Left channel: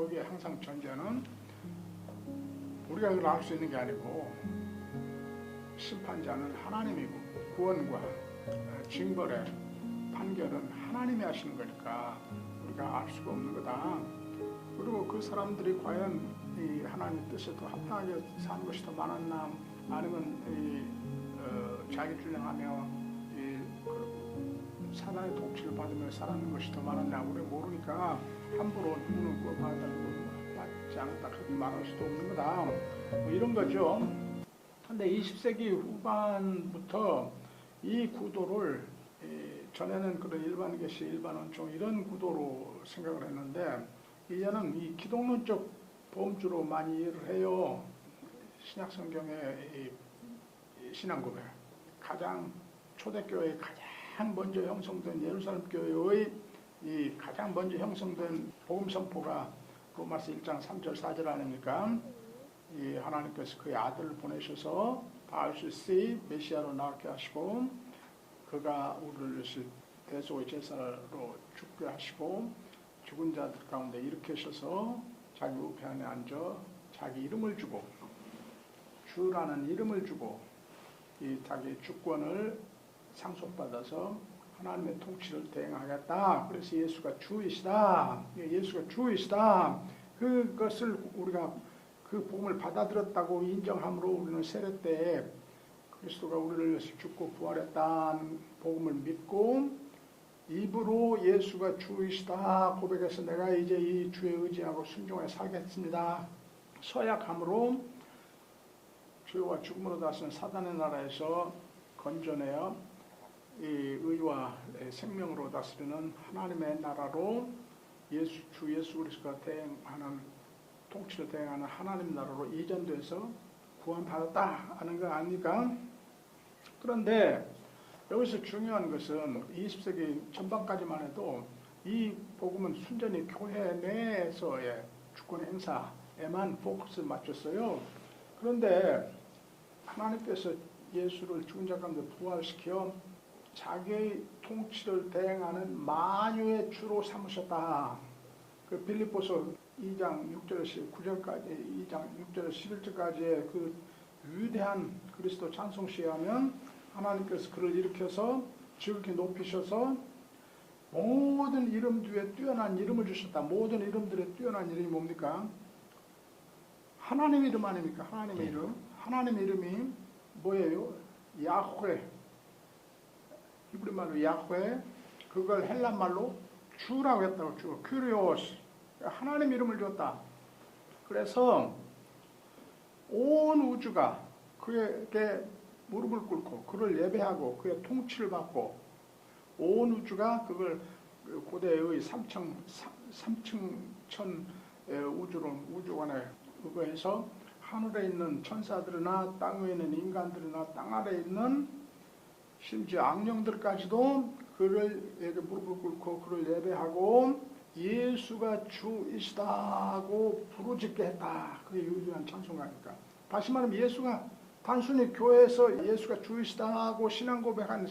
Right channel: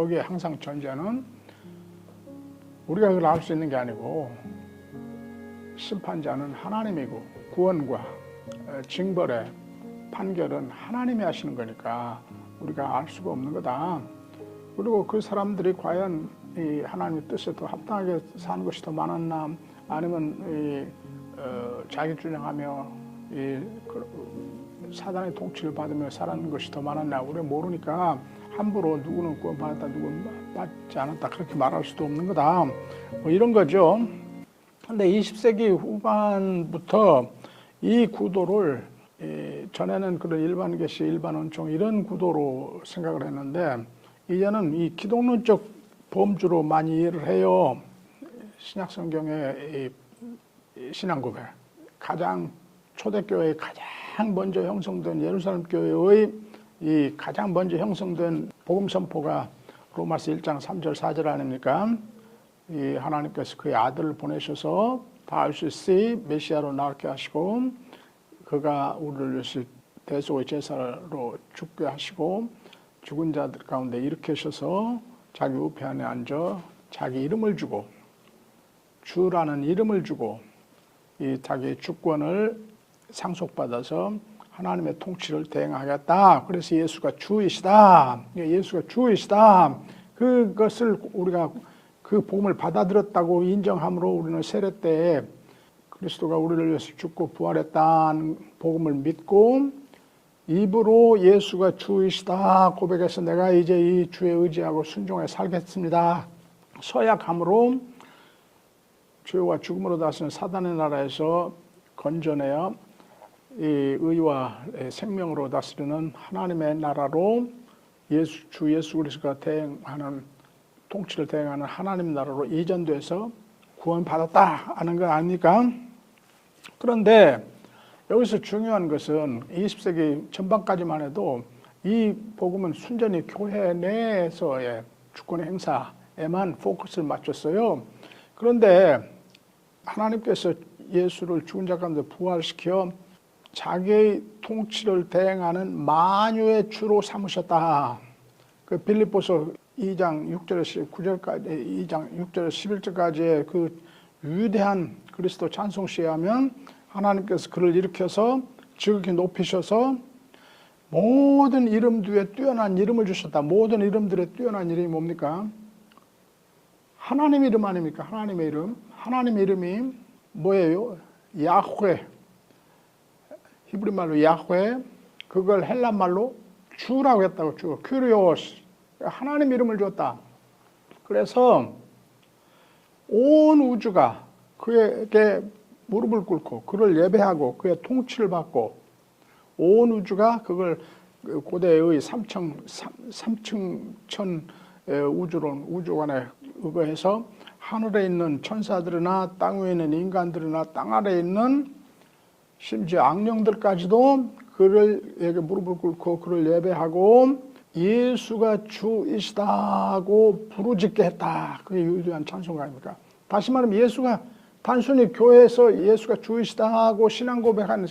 여기에 항상 전제는 우리가 그걸 알 수 있는 게 아니고 심판자는 하나님이고 구원과 징벌의 판결은 하나님이 하시는 거니까 우리가 알 수가 없는 거다. 그리고 그 사람들이 과연 이 하나님의 뜻에 더 합당하게 사는 것이 더 많았나, 아니면 자기 주장하며 사단의 통치를 받으며 살아가는 것이 더 많았나, 우리가 모르니까 함부로 누구는 구원받았다 누구는 받지 않았다 그렇게 말할 수도 없는 거다, 뭐 이런 거죠. 근데 20세기 후반부터 이 구도를 전에는 그런 일반 계시, 일반 원총 이런 구도로 생각을 했는데 이제는 이 기독론적 범주로 많이 이해를 해요. 신약 성경의 신앙 고백, 가장 초대교회의 가장 먼저 형성된 예루살렘 교회의 이 가장 먼저 형성된 복음 선포가 로마서 1장 3절 4절 아닙니까? 이 하나님께서 그의 아들을 보내셔서 다윗의 메시아로 나오게 하시고 그가 우리를 위해서 대속의 제사로 죽게 하시고 죽은 자들 가운데 일으키셔서 자기 우편에 앉아 자기 이름을 주고 주라는 이름을 주고 이 자기의 주권을 상속받아서 하나님의 통치를 대행하겠다. 그래서 예수가 주이시다. 예수가 주이시다. 그것을 우리가 그 복음을 받아들였다고 인정함으로 우리는 세례 때 그리스도가 우리를 위해서 죽고 부활했다는 복음을 믿고 입으로 예수가 주이시다 고백해서 내가 이제 이 주에 의지하고 순종해 살겠습니다. 서약함으로 죄와 죽음으로 다스리는 사단의 나라에서 건져내어 이 의와 생명으로 다스리는 하나님의 나라로 주 예수 그리스도가 대행하는 통치를 대행하는 하나님 나라로 이전돼서 구원받았다 하는 거 아닙니까? 그런데 여기서 중요한 것은 20세기 전반까지만 해도 이 복음은 순전히 교회 내에서의 주권 행사에만 포커스를 맞췄어요. 그런데 하나님께서 예수를 죽은 자 가운데 부활시켜 자기의 통치를 대행하는 만유의 주로 삼으셨다. 그 빌립보서 2장 6절에서 9절까지, 2장 6절에서 11절까지의 그 위대한 그리스도 찬송시에 하면 하나님께서 그를 일으켜서 지극히 높이셔서 모든 이름 뒤에 뛰어난 이름을 주셨다. 모든 이름들의 뛰어난 이름이 뭡니까? 하나님 이름 아닙니까? 하나님의 이름. 하나님의 이름이 뭐예요? 야훼. 히브리 말로 야훼. 그걸 헬란 말로 주라고 했다고. 주. 큐리오스. 하나님 이름을 줬다. 그래서 온 우주가 그에게 무릎을 꿇고 그를 예배하고 그의 통치를 받고 온 우주가 그걸 고대의 삼층천 우주론 우주관에 의거해서 하늘에 있는 천사들이나 땅 위에 있는 인간들이나 땅 아래에 있는 심지어 악령들까지도 그에게 무릎을 꿇고 그를 예배하고 예수가 주이시다고 부르짖게 했다. 그게 유일한 찬송가 아닙니까? 다시 말하면 예수가 단순히 교회에서 예수가 주이시다고 신앙 고백하는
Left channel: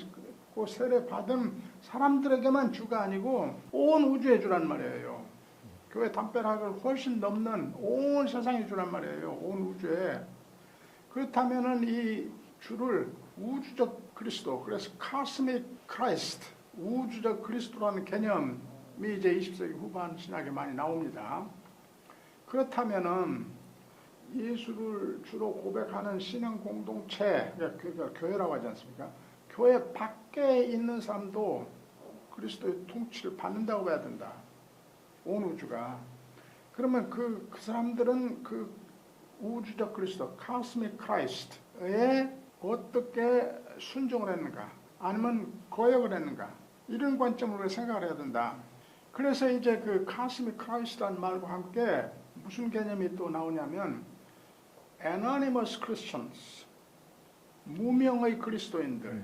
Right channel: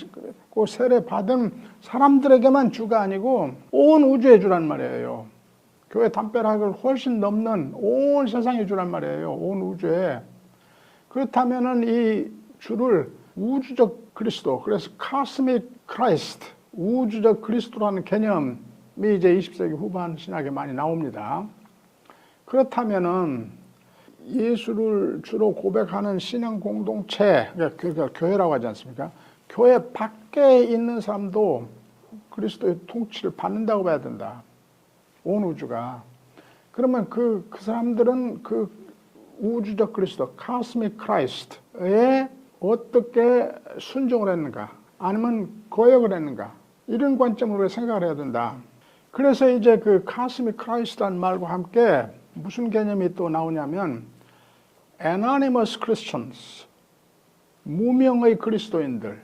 그 세례 받은 사람들에게만 주가 아니고 온 우주의 주란 말이에요. 교회 담벼락을 훨씬 넘는 온 세상의 주란 말이에요. 온 우주에. 그렇다면은 이 주를 우주적 그리스도, 그래서 카스믹 크라이스트, 우주적 그리스도라는 개념이 이제 20세기 후반 신학에 많이 나옵니다. 그렇다면은 예수를 주로 고백하는 신앙 공동체, 그러니까 교회라고 하지 않습니까? 교회 밖에 있는 사람도 그리스도의 통치를 받는다고 봐야 된다. 온 우주가. 그러면 그 사람들은 그 우주적 그리스도, 카스믹 크라이스트에 어떻게 순종을 했는가? 아니면 거역을 했는가? 이런 관점으로 생각을 해야 된다. 그래서 이제 그 카스믹 크라이스트라는 말과 함께 무슨 개념이 또 나오냐면 anonymous Christians, 무명의 그리스도인들,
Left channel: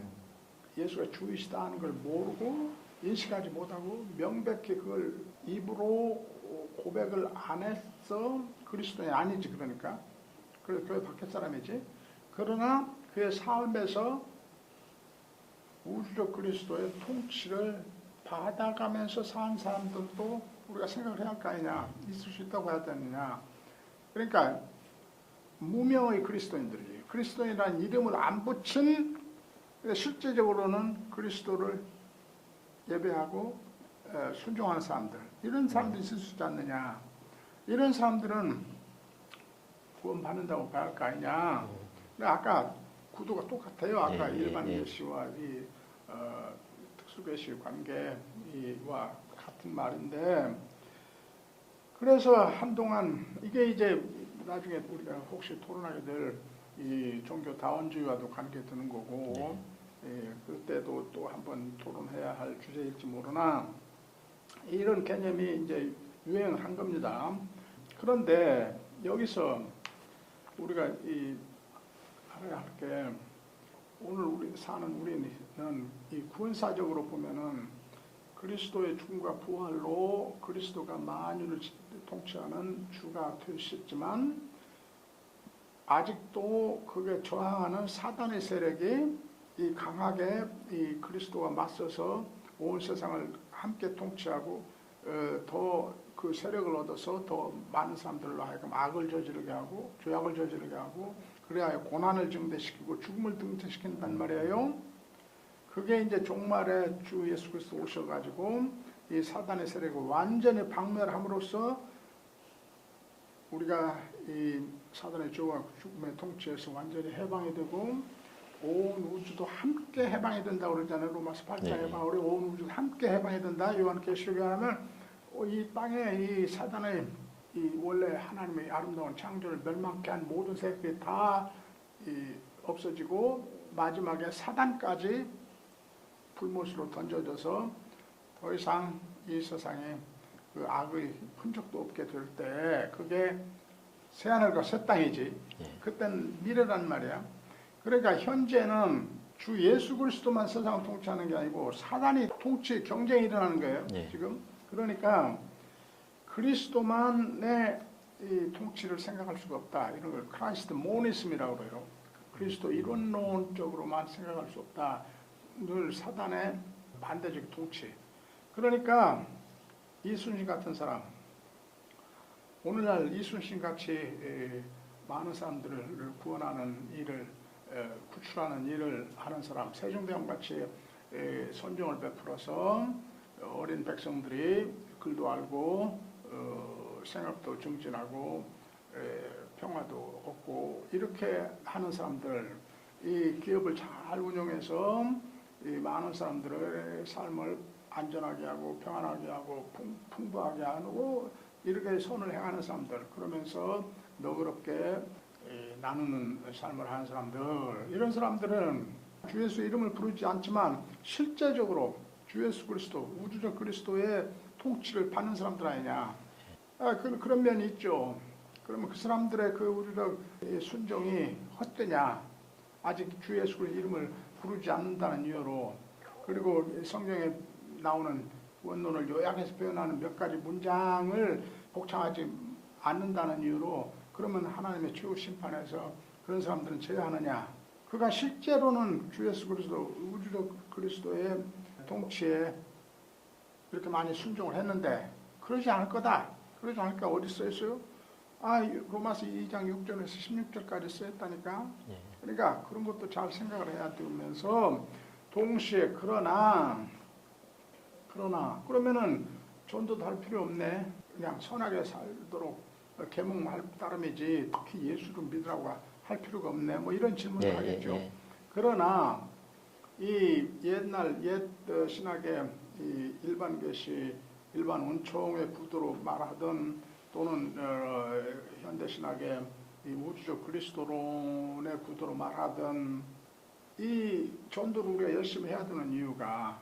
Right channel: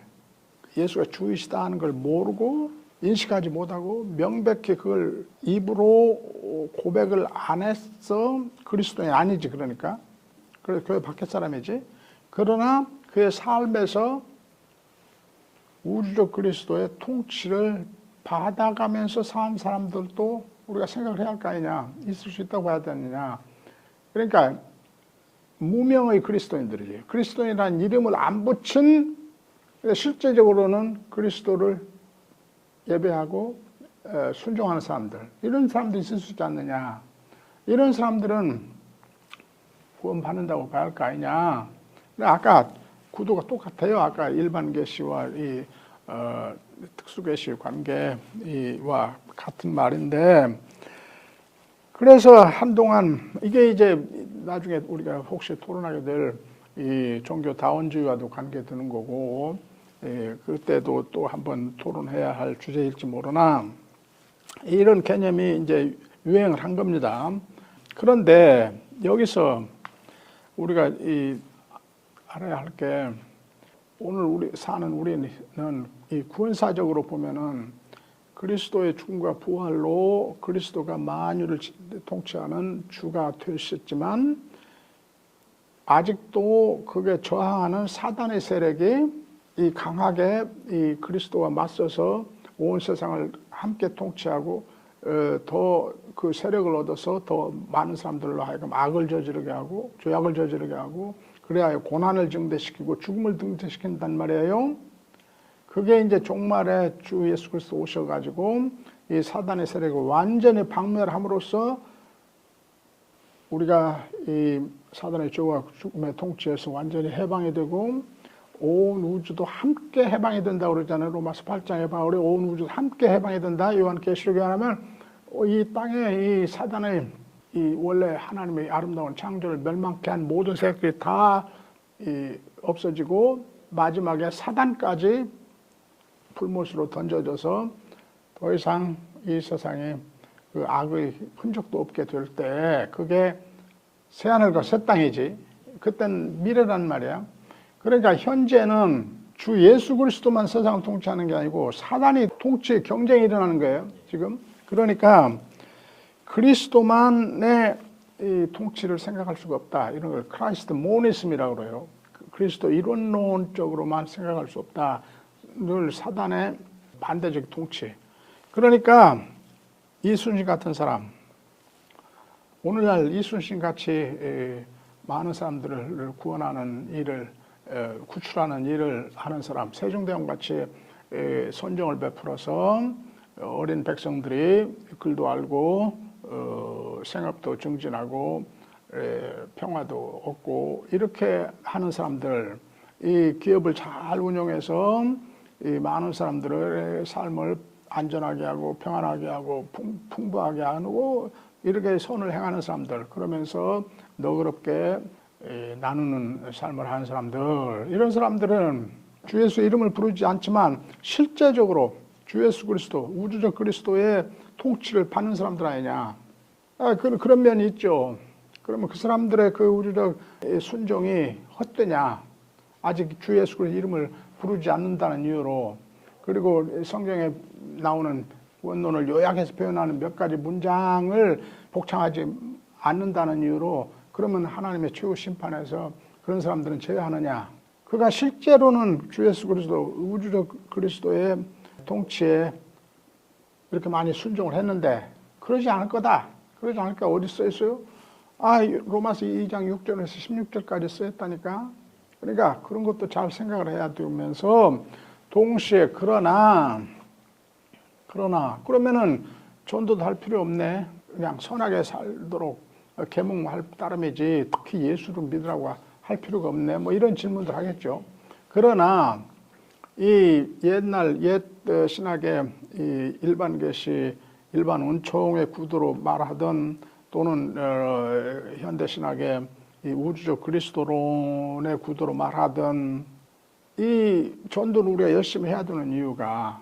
예수가 주이시다 하는 걸 모르고 인식하지 못하고 명백히 그걸 입으로 고백을 안 했어. 그리스도인이 아니지. 그러니까 그래서 교회 밖에 사람이지. 그러나 그의 삶에서 우주적 그리스도의 통치를 받아가면서 산 사람들도 우리가 생각을 해야 할 거 아니냐. 있을 수 있다고 봐야 되느냐. 그러니까 무명의 그리스도인들이지. 그리스도인이라는 이름을 안 붙인 실제적으로는 그리스도를 예배하고 순종하는 사람들. 이런 사람도 있을 수 있지 않느냐. 이런 사람들은 구원 받는다고 봐야 할 거 아니냐. 아까 구도가 똑같아요. 아까 일반 계시와 이 특수 계시 관계와 같은 말인데, 그래서 한동안 이게 이제 나중에 우리가 혹시 토론하게 될 이 종교 다원주의와도 관계되는 거고, 그때도 또 한번 토론해야 할 주제일지 모르나 이런 개념이 이제 유행을 한 겁니다. 그런데 여기서 우리가 알아야 할 게, 오늘 우리 사는 우리는 이 구원사적으로 보면은 그리스도의 죽음과 부활로 그리스도가 만유를 통치하는 주가 되셨지만, 아직도 그게 저항하는 사단의 세력이 이 강하게 이 그리스도와 맞서서 온 세상을 함께 통치하고 더 그 세력을 얻어서 더 많은 사람들로 하여금 악을 저지르게 하고 죄악을 저지르게 하고, 그래야 고난을 증대시키고 죽음을 증대시킨단 말이에요. 그게 이제 종말에 주 예수 그리스도 오셔가지고 이 사단의 세력을 완전히 박멸함으로써 우리가 이 사단의 죄와 죽음의 통치에서 완전히 해방이 되고 온 우주도 함께 해방이 된다고 그러잖아요. 로마서 8장에 바울이 온 우주도 함께 해방이 된다. 요한계시록에 하면 이 땅에 이 사단의 이 원래 하나님의 아름다운 창조를 멸망케 한 모든 세력들이 다 없어지고 마지막에 사단까지 불못으로 던져져서 더 이상 이 세상에 그 악의 흔적도 없게 될 때, 그게 새하늘과 새 땅이지. 그땐 미래란 말이야. 그러니까 현재는 주 예수 그리스도만 세상을 통치하는 게 아니고 사단이 통치 경쟁이 일어나는 거예요. 지금. 그러니까 그리스도만의 이 통치를 생각할 수가 없다. 이런 걸 크라이스트 모니즘이라고 그래요. 그리스도 이론론적으로만 생각할 수 없다. 늘 사단의 반대적 통치. 그러니까 이순신 같은 사람, 오늘날 이순신 같이 많은 사람들을 구원하는 일을, 구출하는 일을 하는 사람, 세종대왕 같이 선정을 베풀어서 어린 백성들이 글도 알고 생업도 증진하고 평화도 얻고 이렇게 하는 사람들, 이 기업을 잘 운영해서 이 많은 사람들의 삶을 안전하게 하고 평안하게 하고 풍부하게 하고 이렇게 선을 행하는 사람들, 그러면서 너그럽게 나누는 삶을 하는 사람들, 이런 사람들은 주 예수 이름을 부르지 않지만 실제적으로 주 예수 그리스도, 우주적 그리스도의 통치를 받는 사람들 아니냐. 그런 면이 있죠. 그러면 그 사람들의 그 우주적 순종이 헛되냐. 아직 주 예수 그리스도 이름을 부르지 않는다는 이유로, 그리고 성경에 나오는 원론을 요약해서 표현하는 몇 가지 문장을 복창하지 않는다는 이유로, 그러면 하나님의 최후 심판에서 그런 사람들은 제외하느냐. 그가 실제로는 주 예수 그리스도, 우주적 그리스도의 통치에 이렇게 많이 순종을 했는데 그러지 않을 거다. 그러지 않을 거 어디 써 있어요? 로마서 2장 6절에서 16절까지 써 있다니까. 그러니까 그런 것도 잘 생각을 해야 되면서, 동시에 그러나 그러면은 전도도 할 필요 없네. 그냥 선하게 살도록 계몽할 따름이지 특히 예수를 믿으라고 할 필요가 없네. 뭐 이런 질문도 하겠죠. 그러나 이 옛날 옛 신학의 이 일반 계시, 일반 은총의 구도로 말하던, 또는 현대 신학의 이 우주적 그리스도론의 구도로 말하던 이 전도를 우리가 열심히 해야 되는 이유가,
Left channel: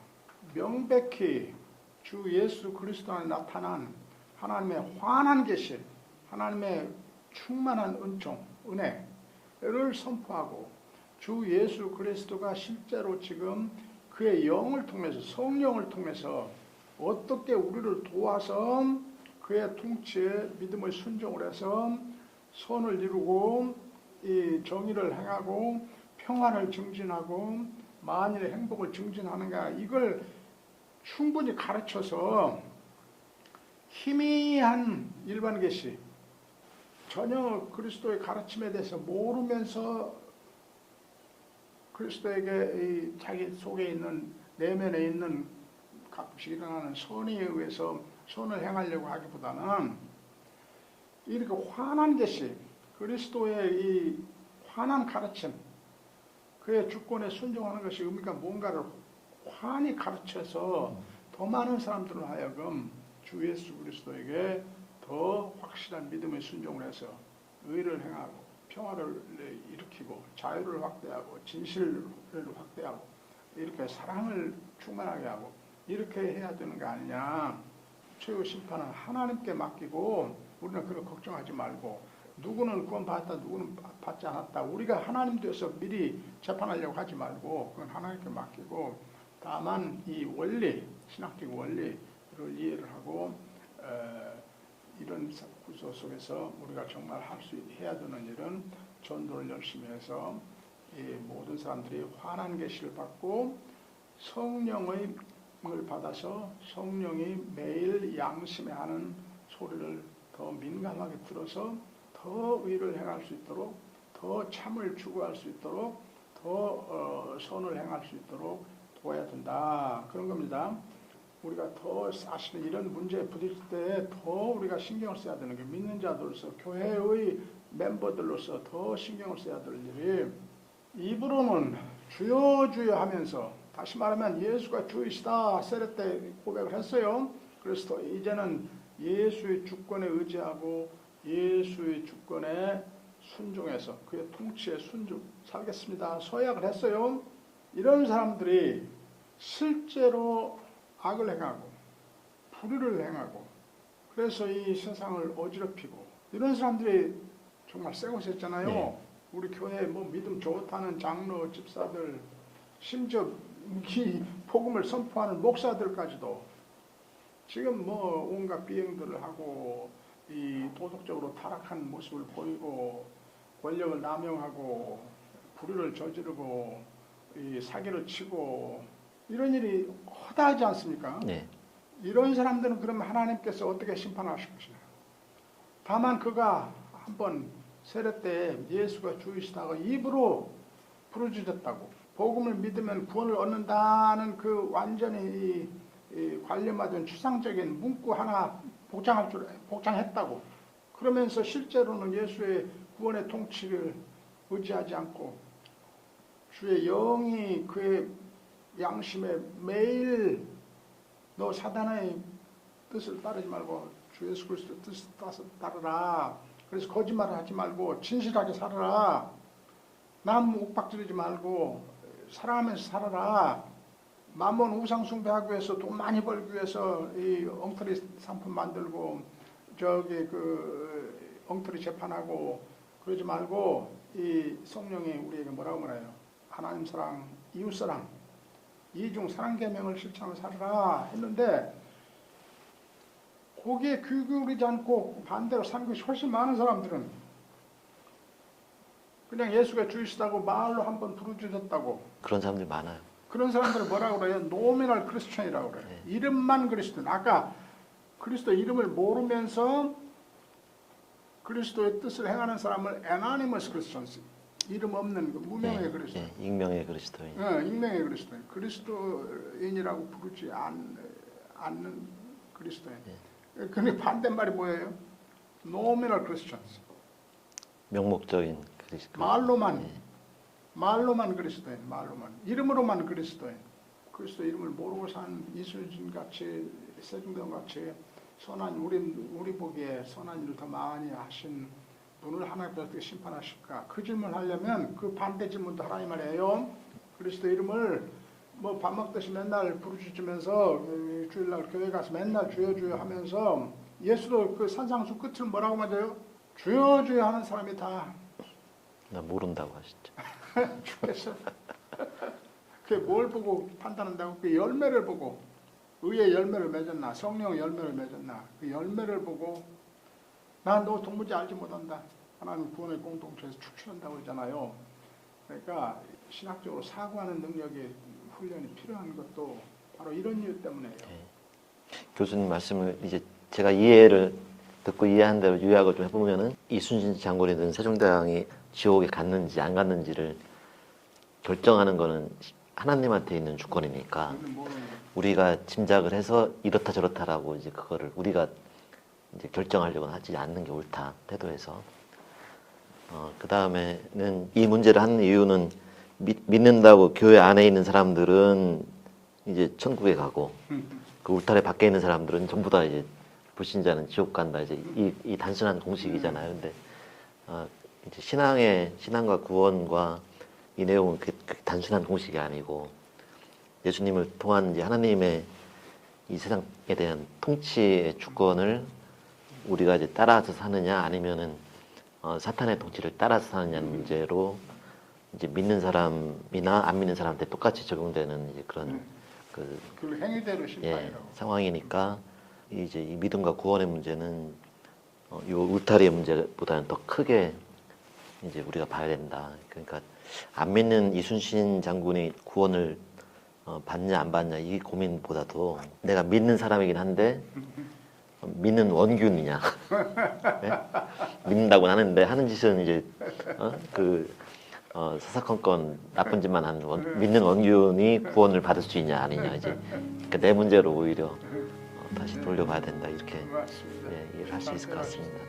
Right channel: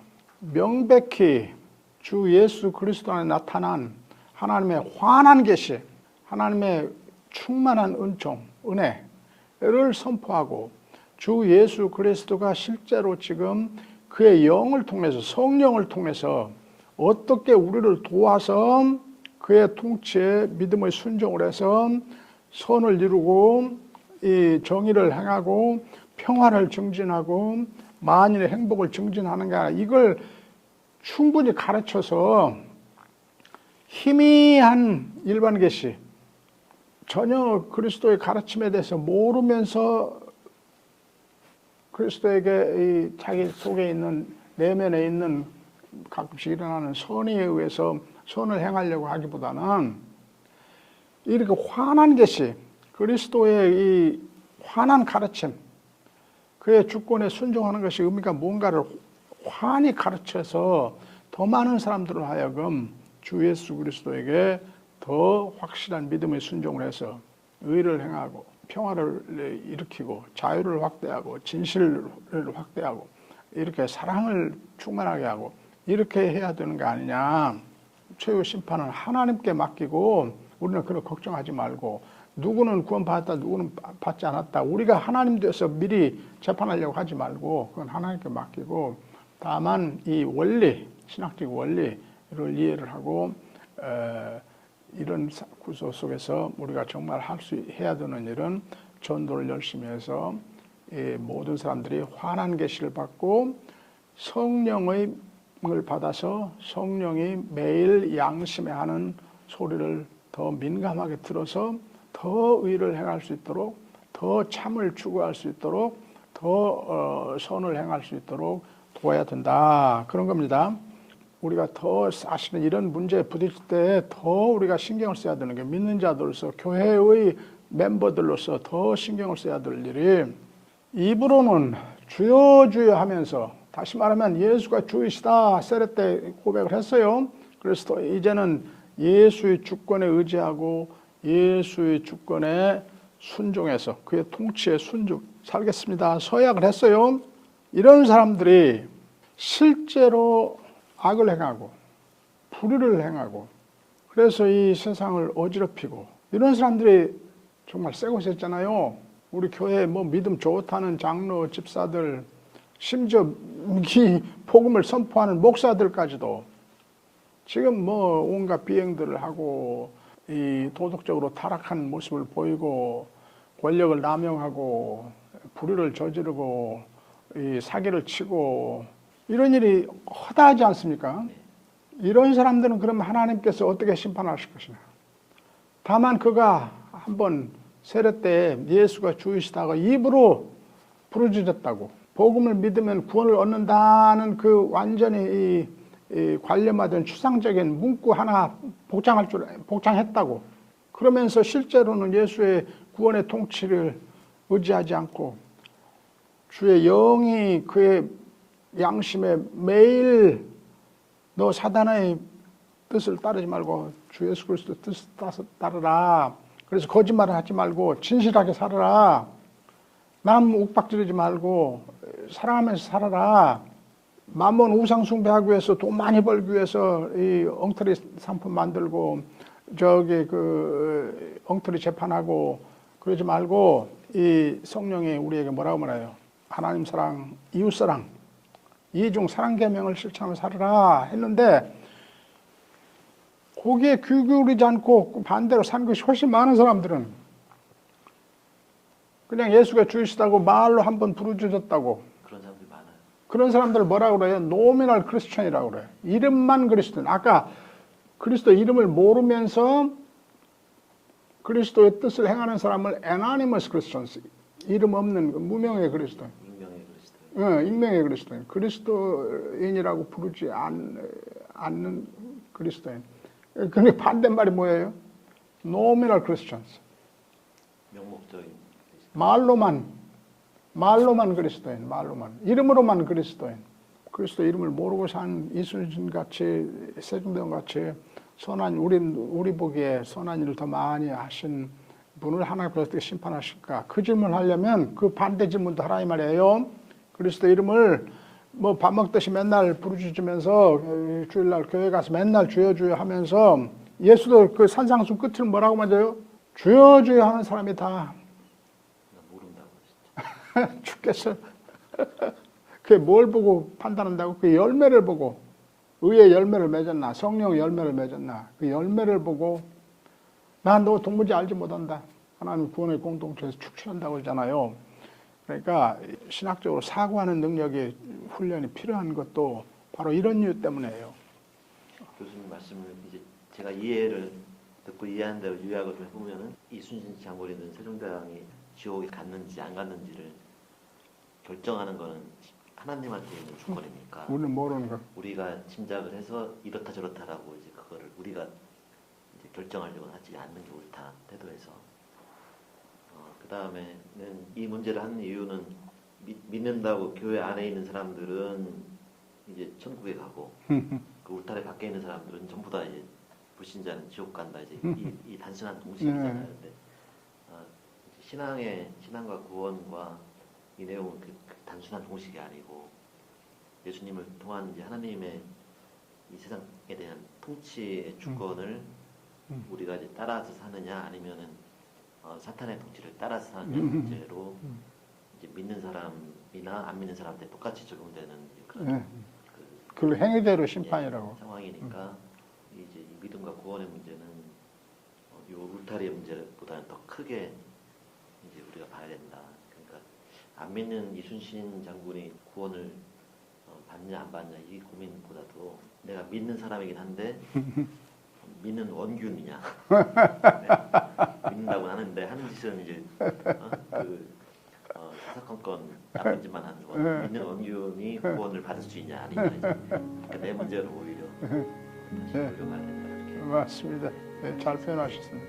명백히 주 예수 그리스도 안에 나타난 하나님의 환한 계시, 하나님의 충만한 은총, 은혜를 선포하고, 주 예수 그리스도가 실제로 지금 그의 영을 통해서, 성령을 통해서 어떻게 우리를 도와서 그의 통치에 믿음의 순종을 해서 선을 이루고 이 정의를 행하고 평화를 증진하고 만인의 행복을 증진하는 게 아니라, 이걸 충분히 가르쳐서 희미한 일반 계시, 전혀 그리스도의 가르침에 대해서 모르면서 그리스도에게 자기 속에 있는 내면에 있는 가끔씩 일어나는 선의에 의해서 선을 행하려고 하기보다는 이렇게 환한 계시, 그리스도의 이 환한 가르침, 그의 주권에 순종하는 것이 의미가 뭔가를 환히 가르쳐서 더 많은 사람들을 하여금 주 예수 그리스도에게 더 확실한 믿음의 순종을 해서 의를 행하고 평화를 일으키고 자유를 확대하고 진실을 확대하고 이렇게 사랑을 충만하게 하고 이렇게 해야 되는 거 아니냐. 최후 심판은 하나님께 맡기고 우리는 그걸 걱정하지 말고 누구는 구원받았다 누구는 받지 않았다 우리가 하나님 돼서 미리 재판하려고 하지 말고 그건 하나님께 맡기고 다만 이 원리 신학적 원리를 이해를 하고 이런 구조 속에서 우리가 정말 해야 되는 일은 전도를 열심히 해서 이 모든 사람들이 환한 계시를 받고 성령을 받아서 성령이 매일 양심에 하는 소리를 더 민감하게 들어서 더 의를 행할 수 있도록 더 참을 추구할 수 있도록 더 선을 행할 수 있도록 도와야 된다. 그런 겁니다. 우리가 더 사실은 이런 문제에 부딪힐 때 더 우리가 신경을 써야 되는 게 믿는 자들로서 교회의 멤버들로서 더 신경을 써야 될 일이 입으로는 주여 주여 하면서 다시 말하면 예수가 주이시다 세례 때 고백을 했어요. 그래서 이제는 예수의 주권에 의지하고 예수의 주권에 순종해서 그의 통치에 살겠습니다. 서약을 했어요. 이런 사람들이 실제로 악을 행하고 불의를 행하고 그래서 이 세상을 어지럽히고 이런 사람들이 정말 세고 있잖아요. 우리 교회 뭐 믿음 좋다는 장로, 집사들 심지어 이 복음을 선포하는 목사들까지도 지금 뭐 온갖 비행들을 하고 이 도덕적으로 타락한 모습을 보이고 권력을 남용하고 불의를 저지르고 이 사기를 치고 이런 일이 허다하지 않습니까? 네. 이런 사람들은 그럼 하나님께서 어떻게 심판하실 것이냐. 다만 그가 한번 세례 때 예수가 주이시다가 입으로 부르짖었다고 복음을 믿으면 구원을 얻는다는 그 완전히 이 관념화된 추상적인 문구 하나 복장했다고 그러면서 실제로는 예수의 구원의 통치를 의지하지 않고 주의 영이 그의 양심에 매일 너 사단의 뜻을 따르지 말고 주 예수 그리스도의 뜻을 따르라. 그래서 거짓말을 하지 말고 진실하게 살아라. 남 욱박지르지 말고 사랑하면서 살아라. 만번 우상 숭배하기 위해서 돈 많이 벌기 위해서 이 엉터리 상품 만들고 저기 그 엉터리 재판하고 그러지 말고 이 성령이 우리에게 뭐라고 말해요? 하나님 사랑, 이웃 사랑, 이중 사랑 계명을 실천하며 살아라 했는데 거기에 귀 기울이지 않고 반대로 산 것이 훨씬 많은 사람들은 그냥 예수가 주이시다고 말로 한번 부르짖었다고 그런 사람들 많아요. 그런 사람들을 뭐라고 그래요? 노미널 크리스천이라고 그래요. 이름만 그리스도인. 아까 그리스도 이름을 모르면서 그리스도의 뜻을 행하는 사람을 anonymous Christians, 이름 없는 무명의 그리스도인. 익명의 그리스도인. 익명의 그리스도인. 그리스도인이라고 부르지 않는 그리스도인. 그게 반대말이 뭐예요? nominal Christians. 명목적인 그리스도. 말로만 그리스도인, 말로만. 이름으로만 그리스도인. 그리스도 이름을 모르고 산 이순신 같이, 세종대왕 같이 선한, 우리 보기에 선한 일을 더 많이 하신 분을 하나님께서 어떻게 심판하실까? 그 질문을 하려면 그 반대 질문도 하라 이 말이에요. 그리스도 이름을 뭐 밥 먹듯이 맨날 부르짖으면서 주일날 교회 가서 맨날 주여 주여 하면서 예수도 그 산상수 끝을 뭐라고 맞아요? 주여 주여 하는 사람이 다 나 모른다고 하시죠. 죽겠어요. 그게 뭘 보고 판단한다고? 그 열매를 보고 의의 열매를 맺었나 성령의 열매를 맺었나 그 열매를 보고 난 너 동무지 알지 못한다. 하나님 구원의 공동체에서 축출한다고 그러잖아요. 그러니까 신학적으로 사고하는 능력이 훈련이 필요한 것도 바로 이런 이유 때문에요. 교수님 말씀을 이제 제가 이해를 듣고 이해한 대로 요약을 좀 해보면은 이순신 장군이든 세종대왕이 지옥에 갔는지 안 갔는지를 결정하는 거는 하나님한테 있는 주권이니까 우리는 모르는 거. 우리가 짐작을 해서 이렇다 저렇다라고 이제 그거를 우리가 이제 결정하려고 하지 않는 게 옳다 태도에서 그 다음에는 이 문제를 하는 이유는 믿는다고 교회 안에 있는 사람들은 이제 천국에 가고 그 울타리 밖에 있는 사람들은 전부 다 이제 불신자는 지옥 간다 이제 이 단순한 공식이잖아요. 근데 이제 신앙과 구원과 이 내용은 그 단순한 공식이 아니고 예수님을 통한 이제 하나님의 이 세상에 대한 통치의 주권을 우리가 이제 따라서 사느냐 아니면은 사탄의 통치를 따라서 사느냐 문제로 이제 믿는 사람이나 안 믿는 사람한테 똑같이 적용되는 이제 그런 그 행위대로 예, 심판이라고. 상황이니까 이제 이 믿음과 구원의 문제는 이 울타리의 문제보다는 더 크게 이제 우리가 봐야 된다. 그러니까 안 믿는 이순신 장군이 구원을 받냐 안 받냐 이 고민보다도 내가 믿는 사람이긴 한데 믿는 원균이냐 네? 믿는다고 하는데 하는 짓은 이제 사사건건 나쁜 짓만 하는 믿는 원균이 구원을 받을 수 있냐 아니냐 이제 그러니까 내 문제로 오히려 다시 돌려봐야 된다 이렇게 맞습니다. 예, 잘 표현하셨습니다.